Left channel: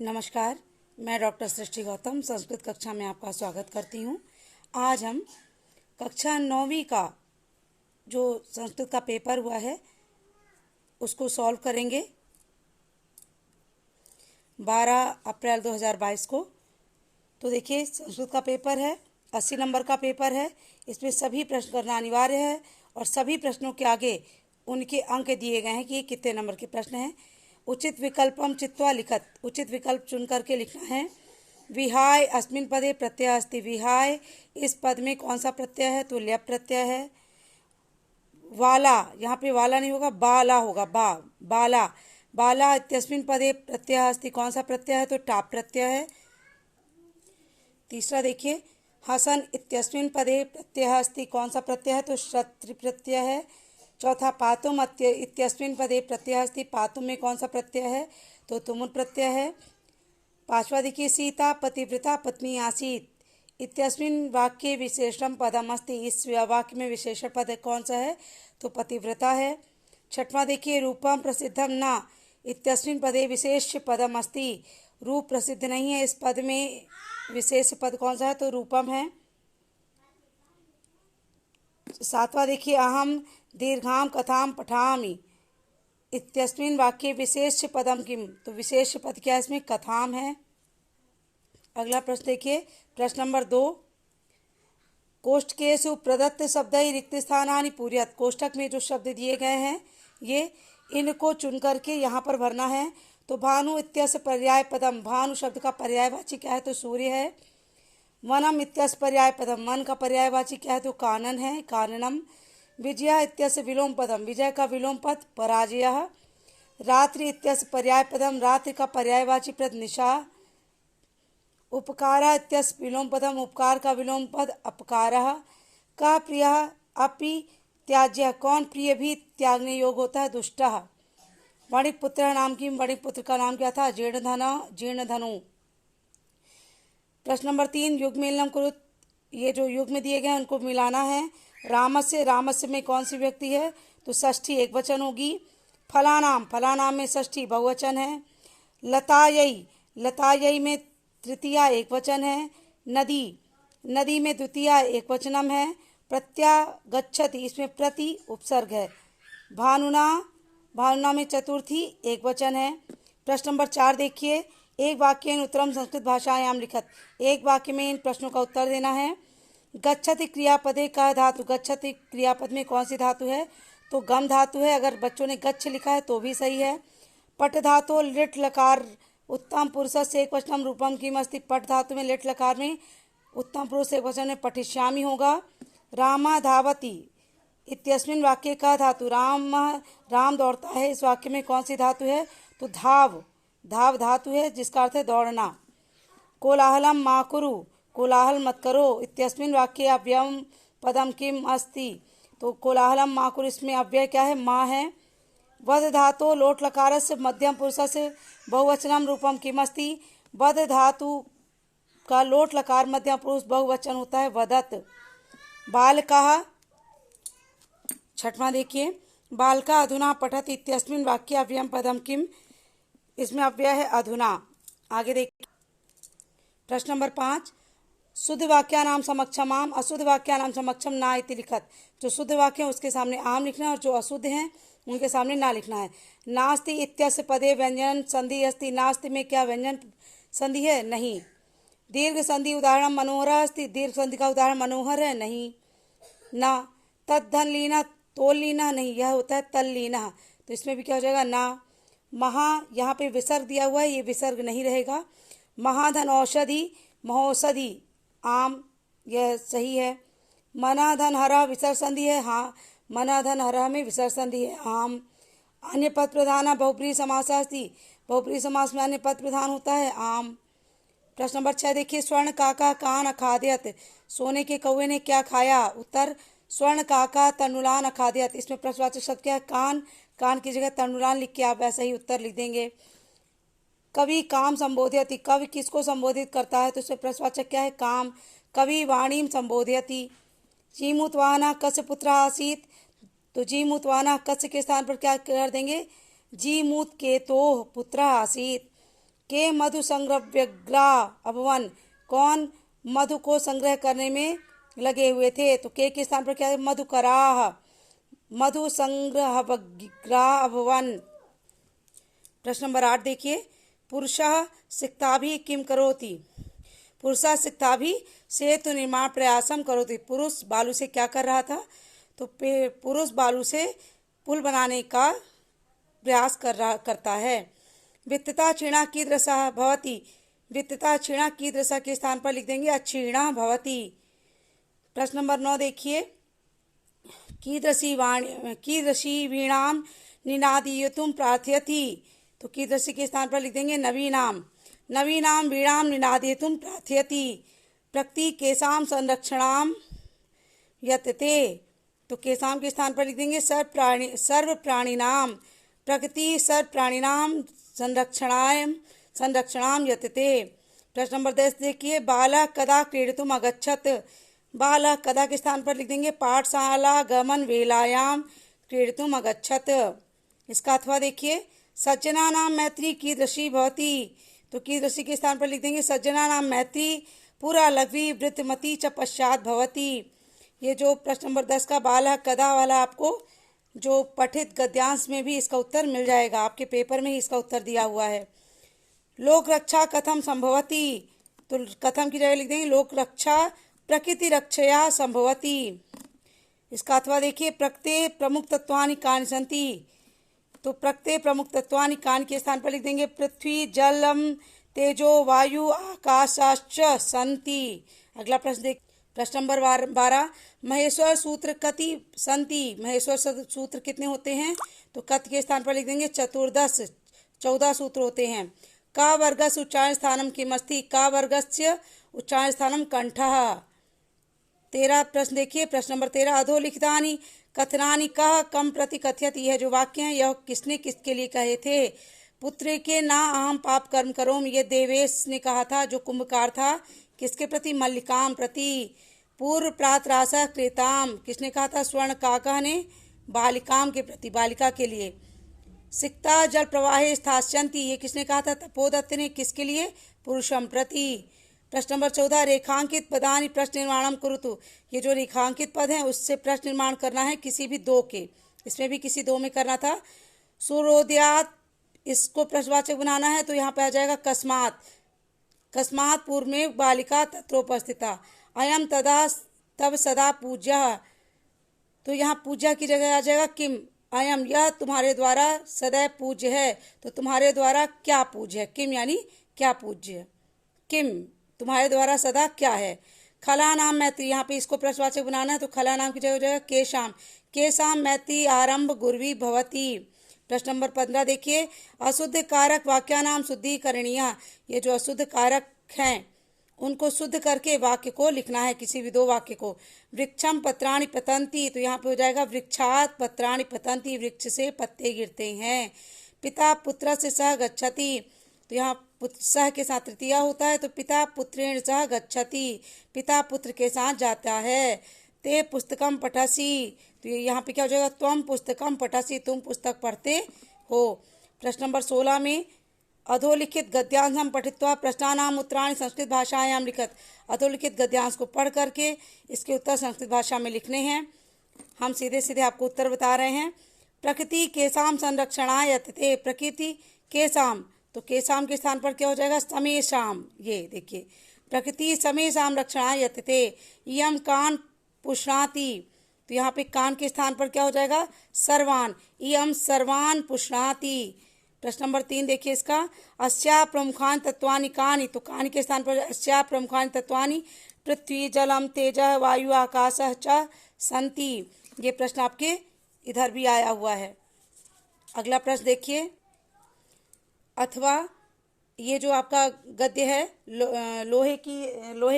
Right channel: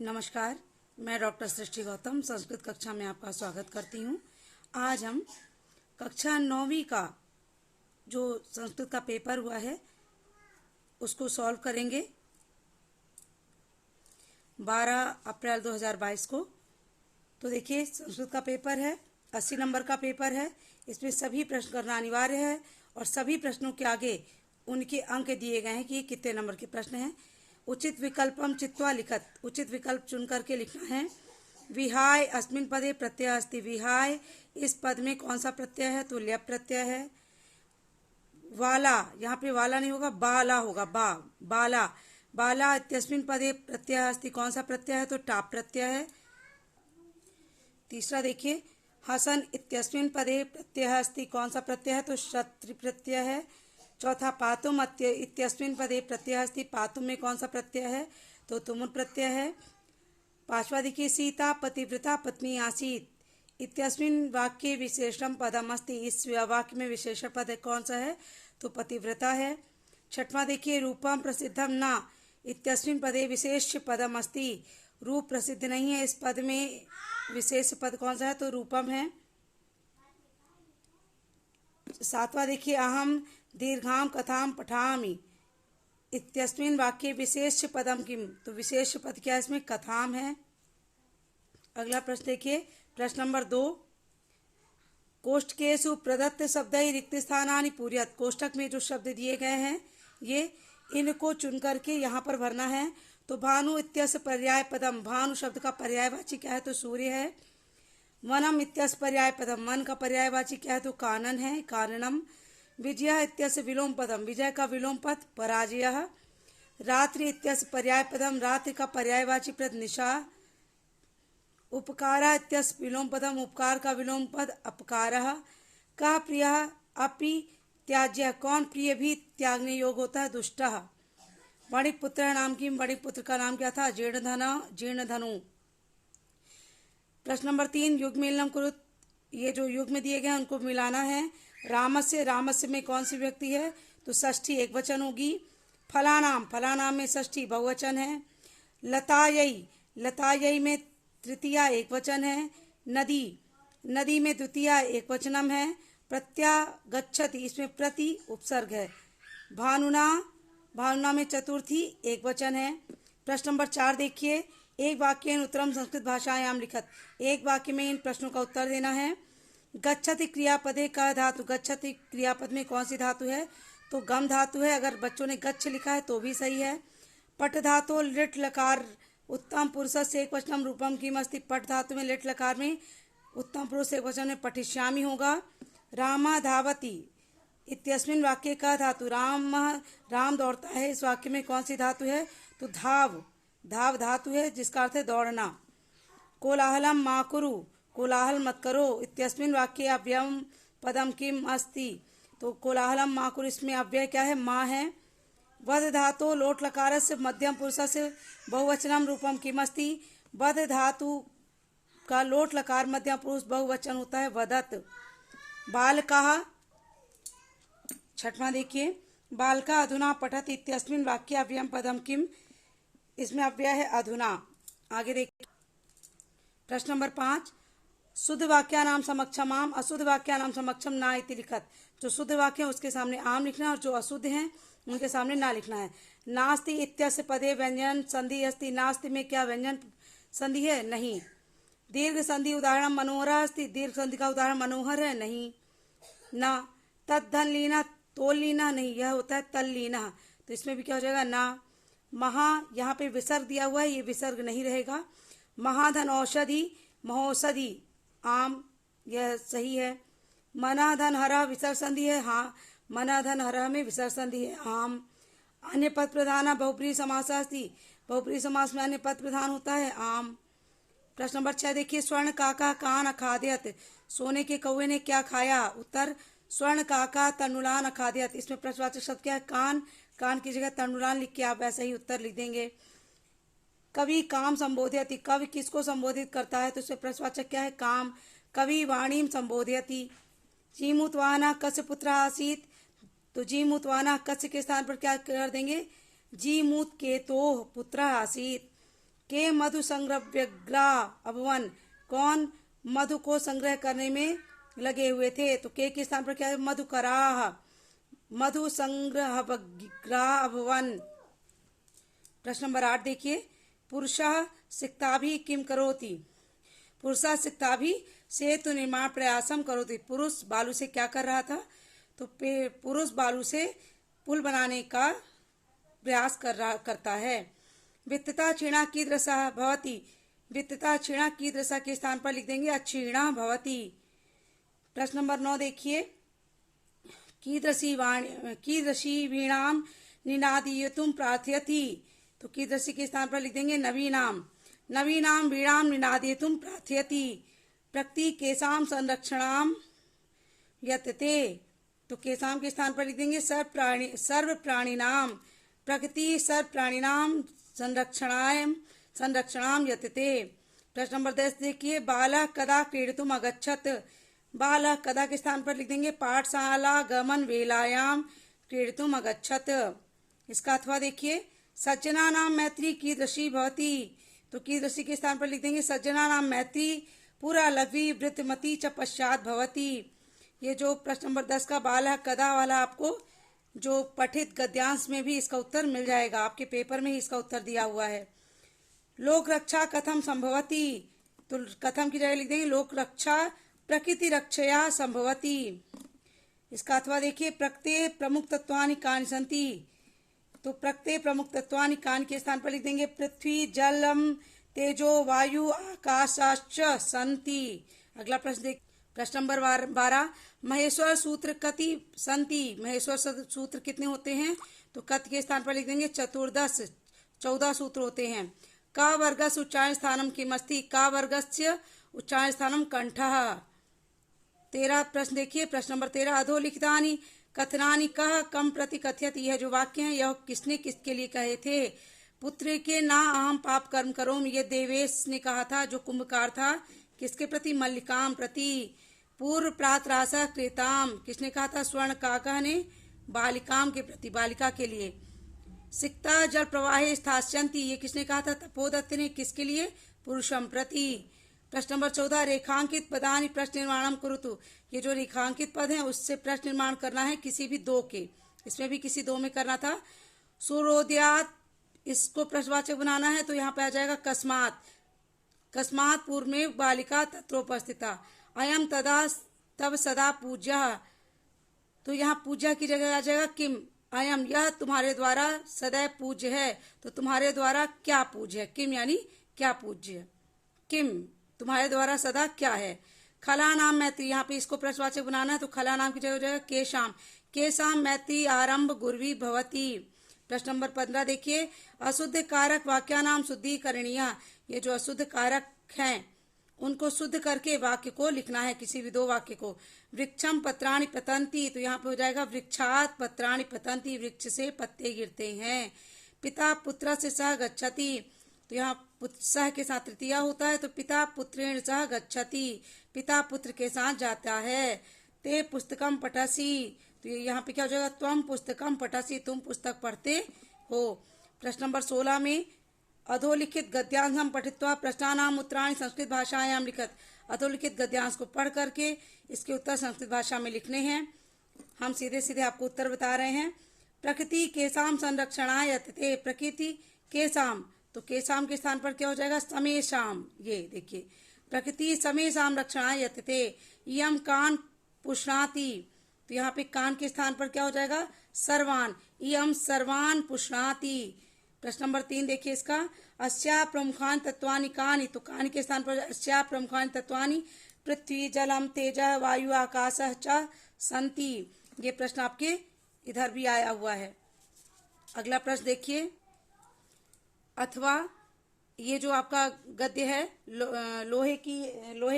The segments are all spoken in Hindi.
नमस्कार, मैं डॉक्टर सृष्टि गौतम संस्कृत कक्षा में आपका स्वागत करती हूँ। आज हम कक्षा 9वीं का जो संस्कृत का पेपर हुआ है उसको सॉल्व करेंगे 12 अप्रैल 2022 को। तो देखिए, संस्कृत का पेपर है, 80 नंबर का पेपर है। इसमें सभी प्रश्न करना अनिवार्य है और सभी प्रश्नों के आगे उनके अंक दिए गए हैं कि कितने नंबर के प्रश्न हैं। उचित विकल्पम चित्वा लिखत, उचित विकल्प चुन करके लिखना है। विहाय अस्मिन् पदे प्रत्यय अस्ति, विहाय इस पद में कौन सा प्रत्यय है? तो ल्यप प्रत्यय है। वाला, यहाँ पे वाला नहीं होगा, बाला होगा, बाला। बाला इत्यस्मिन् पदे प्रत्यय अस्ति, कौन सा प्रत्यय है? तो टाप प्रत्यय है। तीसरा देखिए, हसन इत्यस्मिन् पदे प्रत्यय अस्ति, कौन सा प्रत्यय है? तो शत्रु प्रत्यय है। चौथा, पातुम इत्यस्मिन् पदे प्रत्यय अस्ति, पातुम में कौन सा प्रत्यय है? तो तुमुल प्रत्यय है। पांचवा देखिए, सीता पतिव्रता पत्नी आसीत इत्यस्मिन् वाक्ये विशेषण पदम अस्ति, इस वाक्य में विशेषण पद कौन सा है? तो पतिव्रता है। छठवां देखिए, रूपम प्रसिद्धम न इत्यस्मिन् पदे विशेष पदम अस्ति, रूप प्रसिद्ध नहीं है, इस पद में विशेष पद कौन सा है? तो रूपम है। सातवां देखिए, अहम दीर्घाम कथाम पठामि इत्यस्मिन् वाक्ये विशेष पदम किम, तो विशेष पद क्या है? इसमें कथाम है। अगला प्रश्न देखिए, प्रश्न नंबर 2, कोष्ठकेषु प्रदत्त शब्दै रिक्त स्थानानि पूरयत, कोष्ठक में जो शब्द दिए गए हैं ये इनको चुन करके यहाँ पर भरना है। तो भानु इत्यस्य पर्याय पदम, भानु शब्द का पर्यायवाची क्या है? तो सूर्य है। वनम इत्यस्य पर्याय पदम, वन का पर्यायवाची क्या है? तो कानन है, काननम। विजय इत्यस्य विलोम पदम, विजय का विलोम पद पराजय। रात्रि इत्यस्य पर्याय पदम, रात्रि का पर्यायवाची पद निशा। उपकार इत्यस्य विलोम पदम, उपकार का विलोम पद अपकारः। का प्रिय अपि त्याज्य, कौन प्रिय भी त्यागने योग्य होता है? दुष्टः। वणिकपुत्र नाम की, वणिकपुत्र का नाम क्या था? जीर्णधनु। प्रश्न नंबर 3, युग्मेलनम कुरुत, ये जो युग में दिए गए हैं उनको मिलाना है। रामस्य, रामस्य में कौन सी व्यक्ति है? तो षष्ठी एक वचन होगी। फलानाम, फलानाम में षष्ठी बहुवचन है। लतायई, लतायई में तृतीया एक वचन है। नदी, नदी में द्वितीया एक वचनम है। प्रत्यागच्छति, इसमें प्रति उपसर्ग है। भानुना, भानुना में चतुर्थी एक वचन है। प्रश्न नंबर 4 देखिए, एक वाक्य उत्तरम संस्कृत भाषायाम लिखत, एक वाक्य में इन प्रश्नों का उत्तर देना है। गच्छति क्रियापदे का धातु, गच्छति क्रियापद में कौन सी धातु है? तो गम धातु है। अगर बच्चों ने गच्छ लिखा है तो भी सही है। पट धातु लिट लकार उत्तम पुरुष से एक वचनम रूपम किम अस्ति, पट धातु में लिट लकार में उत्तम पुरुष एक वचन में पठिष्यामि होगा। रामा धावति इत्यस्मिन् वाक्य का धातु, राम दौड़ता है, इस वाक्य में कौन सी धातु है? तो धाव, धाव धातु है जिसका अर्थ है दौड़ना। कोलाहलम मा कुरु, कोलाहल मत करो इत्यस्मिन् वाक्ये अव्ययम पदम किम अस्ति, तो कोलाहलम मा कुरु, इसमें अव्यय क्या है? माँ है। वध धातु लोट लकार से मध्यम पुरुष से बहुवचनम रूपम किम अस्ति, वध धातु का लोट लकार मध्यम पुरुष बहुवचन होता है वदत। बालकः, छठवां देखिए, बालका अधुना पठत इत्यस्मिन् वाक्ये अव्ययम पदम किम, इसमें अव्यय है अधुना। आगे देखिए, प्रश्न नंबर 5, शुद्ध वाक्यानाम समक्षम आम, अशुद्ध वाक्यानाम समक्षम ना इति लिखत, जो शुद्ध वाक्य है उसके सामने आम लिखना है और जो अशुद्ध हैं उनके सामने ना लिखना है। नास्ति इत्यस्य पदे व्यंजन संधि अस्ति, नास्ति में क्या व्यंजन संधि है? नहीं। दीर्घ संधि उदाहरण मनोहर अस्ति, दीर्घ संधि का उदाहरण मनोहर है? नहीं। ना। तद्धन लीना तोल लीना, नहीं, यह होता है तल लीना, तो इसमें भी क्या हो जाएगा? ना। महा, यहाँ पे विसर्ग दिया हुआ है, ये विसर्ग नहीं रहेगा। महाधन औषधि, महौषधि आम, यह सही है। मनाधन हरा विसर्ग संधि है, हाँ, मनाधन हरा में विसर्ग संधि है, आम। अन्य पद प्रधान बहुप्रिय समास अस्ति, बहुप्रिय समास में अन्य पद प्रधान होता है, आम। प्रश्न नंबर 6 देखिए, स्वर्ण काका कान अखाद्यत, सोने के कौवे ने क्या खाया? उत्तर, स्वर्ण काका तनुलान अखाद्यत, इसमें प्रश्नवाचक शब्द क्या है? कान, कान की जगह तनुलान लिख के आप ऐसा ही उत्तर लिख देंगे। कवि काम संबोधयति, कवि किसको संबोधित करता है? तो उसमें प्रश्नवाचक क्या है? काम। कवि वाणीम संबोधयति। जीमूतवाहना कस्य पुत्र आसीत, तो जीमूतवाहना कस्य के स्थान पर क्या कर देंगे? जीमूत केतोः पुत्र आसीत। के मधु संग्रहव्यग्रा अभवन, कौन मधु को संग्रह करने में लगे हुए थे? तो के स्थान पर क्या है? मधुकराह, मधु संग्रहव्यग्रा अभवन। प्रश्न नंबर 8 देखिए, पुरुषः सिक्ताभिः किम करोति? पुरुषः सिक्ताभिः सेतु निर्माण प्रयासम करोति। पुरुष बालू से क्या कर रहा था? तो पुरुष बालू से पुल बनाने का प्रयास करता है। वित्तता क्षीणा कीदृशः भवति? वित्तता क्षीणा कीदृशः के स्थान पर लिख देंगे अक्षीणा भवति। प्रश्न नंबर 9 देखिए, कीदृशी वीणाम निनादयितुम प्रार्थयति? तो कीदृशी के स्थान पर लिख देंगे नवीनाम, नवीनाम वीणाम निनादयितुम प्रार्थयति। प्रकृति केशाम संरक्षणाम यतते, तो केशाम के स्थान पर लिख देंगे सर्व प्राणिनाम, प्रकृति सर्व प्राणिनाम संरक्षणाम यतते। प्रश्न नंबर 10 देखिए, बालः कदा क्रीडितुम अगच्छत? बालः कदा के स्थान पर लिख देंगे पाठशाला गमन वेलायाम क्रीडितुम अगच्छत। इसका अथवा देखिए, सज्जनानां मैत्री कीदृशी भवति? तो कीदृशी के स्थान पर लिख देंगे सज्जनानां मैत्री पूरा लघ्वी वृद्धमती च पश्चात भवति। ये जो प्रश्न नंबर 10 का बालः कदा वाला आपको जो पठित गद्यांश में भी इसका उत्तर मिल जाएगा, आपके पेपर में ही इसका उत्तर दिया हुआ है। लोक रक्षा कथम संभवति? तो कथम की जगह लिख देंगे लोक रक्षा प्रकृति रक्षया संभवति। इसका अथवा देखिए, प्रकृते प्रमुख तत्वानि कानि सन्ति? तो प्रकृते प्रमुख तत्वानि कानि के स्थान पर लिख देंगे पृथ्वी जलम तेजो वायु आकाशाश्च सन्ति। अगला प्रश्न देख, प्रश्न नंबर 12, महेश्वर सूत्र कति सन्ति? महेश्वर सूत्र कितने होते हैं? तो कत के स्थान पर लिख देंगे 14 सूत्र होते हैं। का वर्गस्य उच्चारण स्थानम किमस्ति? का वर्गस्य उच्चारण स्थानम कंठः। 13 प्रश्न देखिए, प्रश्न नंबर 13, अधोलिखितानि कथनानि कः कम प्रति कथयति? यह जो वाक्य है यह किसने किसके लिए कहे थे? पुत्र के ना अहम पाप कर्म करोम, ये देवेश ने कहा था जो कुंभकार था। किसके प्रति? मल्लिकाम प्रति। पूर्व प्रातराशः क्रेताम, किसने कहा था? स्वर्ण काकः ने बालिकाम के प्रति, बालिका के लिए। सिक्ता जल प्रवाहे स्थास्यन्ति, ये किसने कहा था? तपोदत्त ने। किसके लिए? पुरुषम प्रति। प्रश्न नंबर 14, रेखांकित पदानि प्रश्न निर्माणम कुरुतु। ये जो रेखांकित पद हैं उससे प्रश्न निर्माण करना है किसी भी दो के, इसमें भी किसी दो में करना था। सूर्योदयात, इसको प्रश्नवाचक बनाना है तो यहाँ पे आ जाएगा कस्मात, कस्मात पूर्व में बालिका तत्रोपस्थिता। अयम तदा तब सदा पूज्य, तो यहाँ पूज्य की जगह आ जाएगा किम। अयम, यह तुम्हारे द्वारा सदैव पूज्य है, तो तुम्हारे द्वारा क्या पूज्य है? किम यानी क्या पूज्य, किम तुम्हारे द्वारा सदा क्या है। खला नाम मैत्री, यहाँ पे इसको प्रश्नवाचक बनाना है तो खला नाम की जगह हो जाएगा केशाम, केशाम मैत्री आरंभ गुरवी भवती। प्रश्न नंबर 15 देखिए, अशुद्ध कारक वाक्यानाम शुद्धिकरणीय। ये जो अशुद्ध कारक हैं उनको शुद्ध करके वाक्य को लिखना है, किसी भी दो वाक्य को। वृक्षम पत्राणि पतंती, तो यहाँ पे हो जाएगा वृक्षात पत्राणि पतंती, वृक्ष से पत्ते गिरते हैं। पिता पुत्र से सह गच्छति, तो यहाँ सह के साथ तृतीया होता है तो पिता पुत्रेण सह गच्छति, पिता पुत्र के साथ जाता है। ते पुस्तकम पठसि, तो यहाँ पे क्या हो जाएगा? त्वम पुस्तकम पठसि, तुम पुस्तक पढ़ते हो। प्रश्न नंबर 16 में, अधोलिखित गद्यांशम पठित्वा प्रश्नानाम उत्तराणि संस्कृत भाषायाम लिखत। अधोलिखित गद्यांश को पढ़ करके इसके उत्तर संस्कृत भाषा में लिखने हैं। हम सीधे सीधे आपको उत्तर बता रहे हैं। प्रकृति केसाम संरक्षणाय यतते, प्रकृति केसाम, तो केसाम के स्थान पर क्या हो जाएगा? समेशाम। ये देखिए, प्रकृति समेशाम रक्षणाय यतते। यम कान पुष्णाति, तो यहाँ पे कान के स्थान पर क्या हो जाएगा? सर्वान, यम सर्वान पुष्णाति। प्रश्न नंबर 3 देखिए इसका, अस्या प्रमुखानि तत्वानि कानि, तो कानि के स्थान पर अस्या प्रमुखानि तत्वानि पृथ्वी जलम तेजः वायु आकाशः च सन्ति। ये प्रश्न आपके इधर भी आया हुआ है। अगला प्रश्न देखिए, अथवा ये जो आपका गद्य है लोहे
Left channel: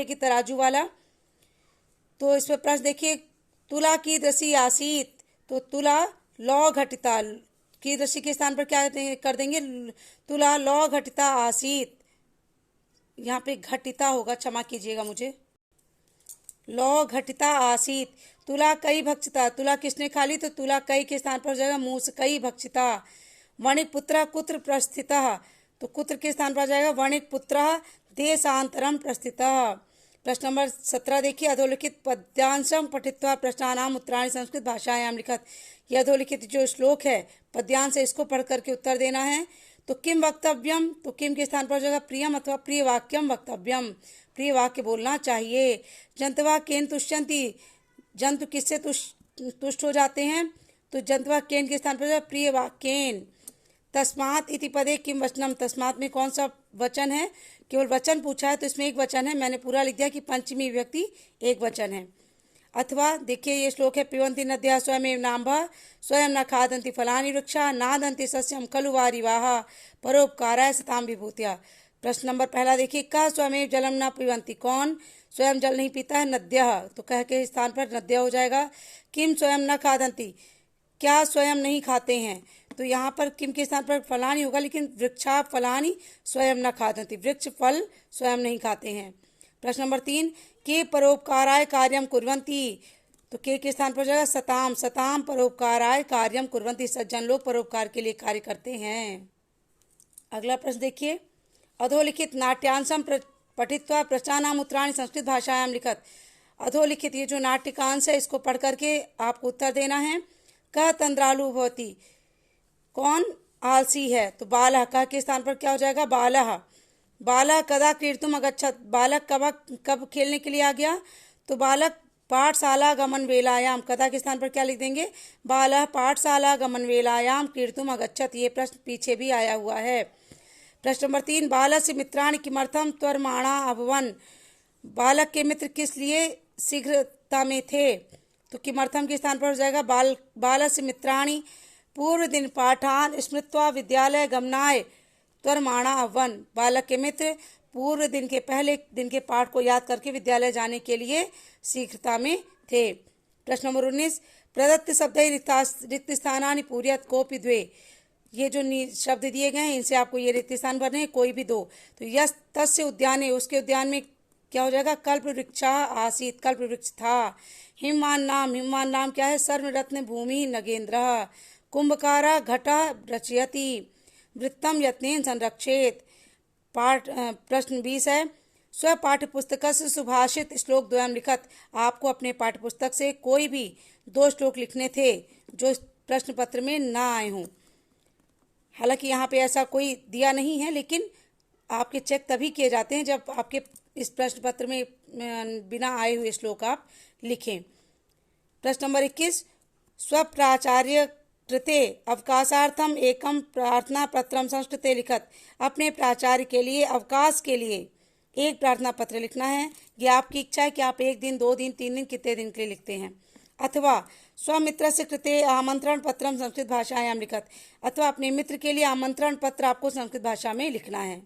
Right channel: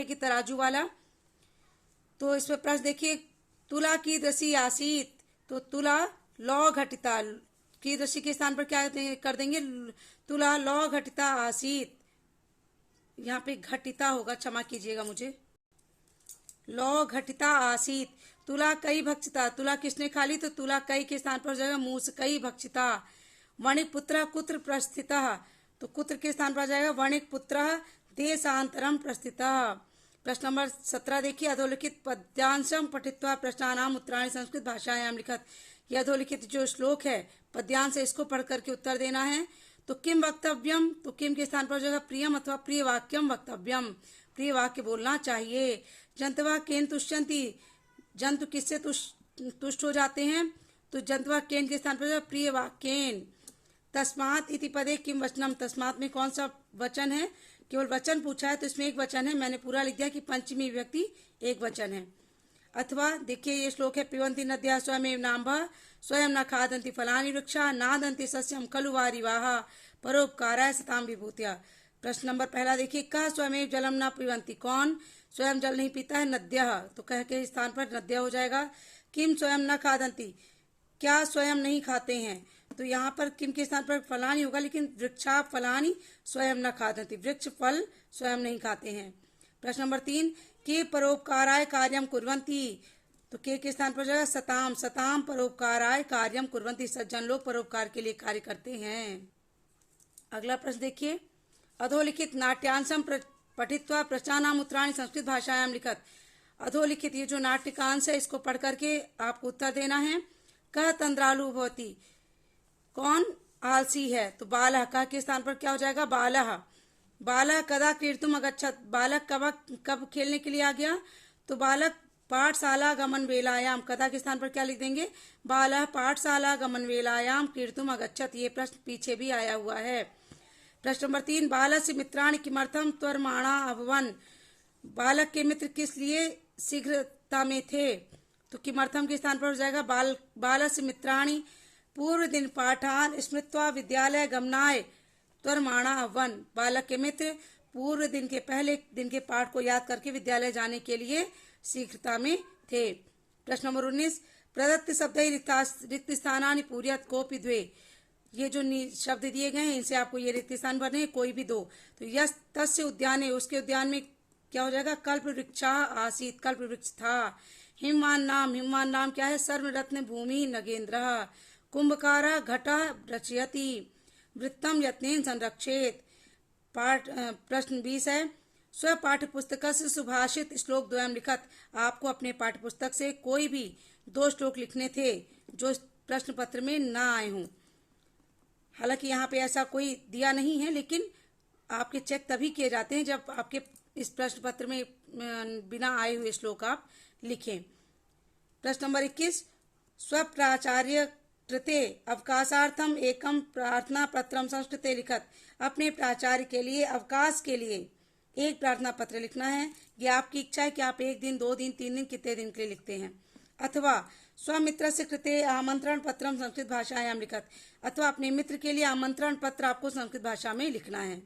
की तराजू वाला, तो इसमें प्रश्न देखिए, तुला की दशी आसीत, तो तुला लौ घटिता, की दशी के स्थान पर क्या कर देंगे? तुला लौ घटिता आसीत। यहाँ पे घटिता होगा, क्षमा कीजिएगा मुझे, लौ घटिता आसीत। तुला कई भक्षिता, तुला किसने खा ली? तो तुला कई के स्थान पर हो जाएगा मूस कई भक्षिता। मणिपुत्र कुत्र प्रस्थितः, तो कुत्र के स्थान पर आ जाएगा वणिक पुत्रः देशांतरम प्रस्थितः। प्रश्न नंबर 17 देखिए, अधोलिखित पद्यांशम पठित्वा प्रश्नानाम उत्तराणि संस्कृत भाषायां लिखत। यह अधोलिखित जो श्लोक है पद्यांश, इसको पढ़ करके उत्तर देना है। तो किम वक्तव्यम, तो किम के स्थान पर हो जाएगा प्रियम अथवा प्रिय वाक्यम वक्तव्यम, प्रिय वाक्य बोलना चाहिए। जंतवा केन तुष्यंती, जंतु किससे तुष्ट हो जाते हैं, तो जंतवा केन के स्थान पर हो जाएगा प्रिय वाक्येन। तस्मात् इति पदे किम वचनम, तस्मात् में कौन सा वचन है, केवल वचन पूछा है तो इसमें एक वचन है, मैंने पूरा लिख दिया कि पंचमी विभक्ति एक वचन है। अथवा देखिए ये श्लोक है, पिबन्ति नद्यः स्वयमेव नाम्भः स्वयं न खादन्ति फलानि वृक्षाः नादन्ति सस्यं खलु वारिवाः परोपकाराय सतां विभूत्या। प्रश्न नंबर पहला देखिए, कः स्वयमेव जलम न पिबन्ति, कौन स्वयं जल नहीं पीता है, नद्यः, तो कह के स्थान पर नद्यः हो जाएगा। किम स्वयं न खादन्ति, क्या स्वयं नहीं खाते हैं, तो यहाँ पर किम के स्थान पर फलानी होगा, लेकिन वृक्षा फलानी स्वयं न खादन्ति, वृक्ष फल स्वयं नहीं खाते हैं। प्रश्न नंबर 3, के परोपकाराय कार्यम कुर्वन्ति, तो के स्थान पर जाएगा सताम, सताम परोपकाराय कार्यम कुर्वन्ति, सज्जन लोग परोपकार के लिए कार्य करते हैं। अगला प्रश्न देखिए, अधोलिखित नाट्यांशम पठित्वा प्रश्नानाम उत्तराणि संस्कृत भाषायां लिखत। अधोलिखित ये जो नाट्यकांश है इसको पढ़ करके आपको उत्तर देना है। कः तंद्रालु भवति, कौन आलसी है, तो बालः, कः के स्थान पर क्या हो जाएगा बालः। बालः कदा क्रीडितुम अगच्छत, बालक कब खेलने के लिए आ गया, तो बालक पाठशाला गमन वेलायाम, कदा के स्थान पर क्या लिख देंगे, बालः पाठशाला गमन वेलायाम क्रीडितुम अगच्छत। ये प्रश्न पीछे भी आया हुआ है। प्रश्न नंबर 3, बालस्य मित्राणि किमर्थम त्वरमाणा अभवन्, बालक के मित्र किस लिए शीघ्रता में थे, तो किमर्थम के स्थान पर हो जाएगा बालस्य मित्राणि पूर्व दिन पाठान स्मृत्वा विद्यालय गमनाय त्वरमाणा अभवन्, बालक के मित्र पूर्व दिन के पहले दिन के पाठ को याद करके विद्यालय जाने के लिए शीघ्रता में थे। प्रश्न नंबर 19, प्रदत्त शब्दै रिक्त स्थानानि पूरयत कोऽपि द्वे, ये जो शब्द दिए गए हैं इनसे आपको ये रिक्त स्थान भरने हैं, कोई भी दो। तो यस तस्य उद्याने, उसके उद्यान में क्या हो जाएगा, कल्प वृक्षा आसीत, कल्प वृक्ष था। हिमवान नाम क्या है, सर्वरत्न भूमि नगेंद्र। कुंभकारा घटा रचयति, वृत्तम यत्नेन संरक्षेत। प्रश्न 20 है, स्व पाठ्य पुस्तक से सुभाषित श्लोक द्वयम लिखत। आपको अपने पाठ्य पुस्तक से कोई भी 2 श्लोक लिखने थे जो प्रश्न पत्र में ना आए हों। हालांकि यहाँ पे ऐसा कोई दिया नहीं है, लेकिन आपके चेक तभी किए जाते हैं जब आपके इस प्रश्न पत्र में बिना आए हुए श्लोक आप लिखें। प्रश्न नंबर 21, स्वप्राचार्य कृते अवकाशार्थम एकम प्रार्थना पत्रम संस्कृते लिखत। अपने प्राचार्य के लिए अवकाश के लिए एक प्रार्थना पत्र लिखना है। ये आपकी इच्छा है कि आप 1 दिन 2 दिन 3 दिन कितने दिन के लिए लिखते हैं। अथवा स्वमित्र से कृते आमंत्रण पत्रम संस्कृत भाषायां लिखत, अथवा अपने मित्र के लिए आमंत्रण पत्र आपको संस्कृत भाषा में लिखना है।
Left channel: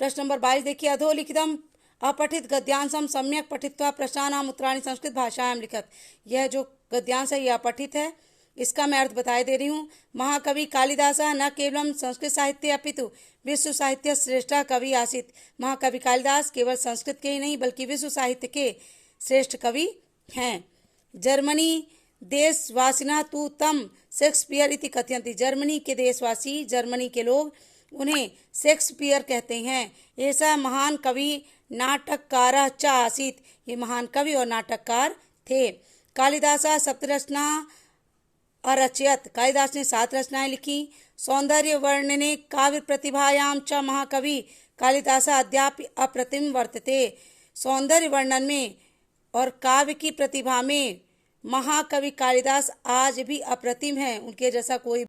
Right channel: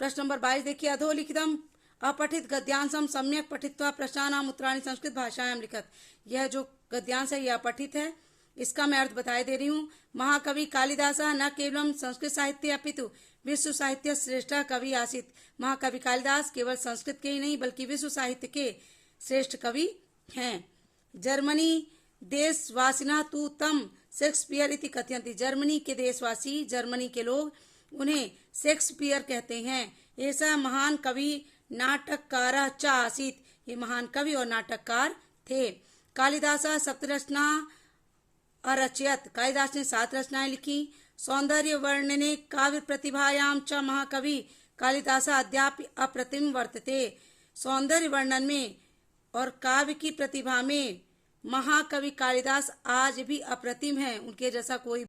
प्रश्न नंबर 22 देखिए, अधोलिखितम अपठित गद्यांशम सम्यक पठित्वा प्रश्नानाम उत्तराणि संस्कृत भाषायां लिखत। यह जो गद्यांश है यह अपठित है, इसका मैं अर्थ बताए दे रही हूँ। महाकवि कालिदासः न केवलम संस्कृत साहित्य अपितु विश्व साहित्य श्रेष्ठ कवि आसीत। महाकवि कालिदास केवल संस्कृत के ही नहीं बल्कि विश्व साहित्य के श्रेष्ठ कवि हैं। जर्मनी देशवासिना तु तम शेक्सपियर इति कथयन्ति। जर्मनी के देशवासी, जर्मनी के लोग उन्हें शेक्सपियर कहते हैं। ऐसा महान कवि नाटककार च आसीत, ये महान कवि और नाटककार थे। कालिदास सप्तरचना अरचयत, कालिदास ने 7 रचनाएं लिखी। सौंदर्य वर्णने काव्य प्रतिभायाम च महाकवि कालिदास अद्यापि अप्रतिम वर्तते। सौंदर्य वर्णन में और काव्य की प्रतिभा में महाकवि कालिदास आज भी अप्रतिम है, उनके जैसा कोई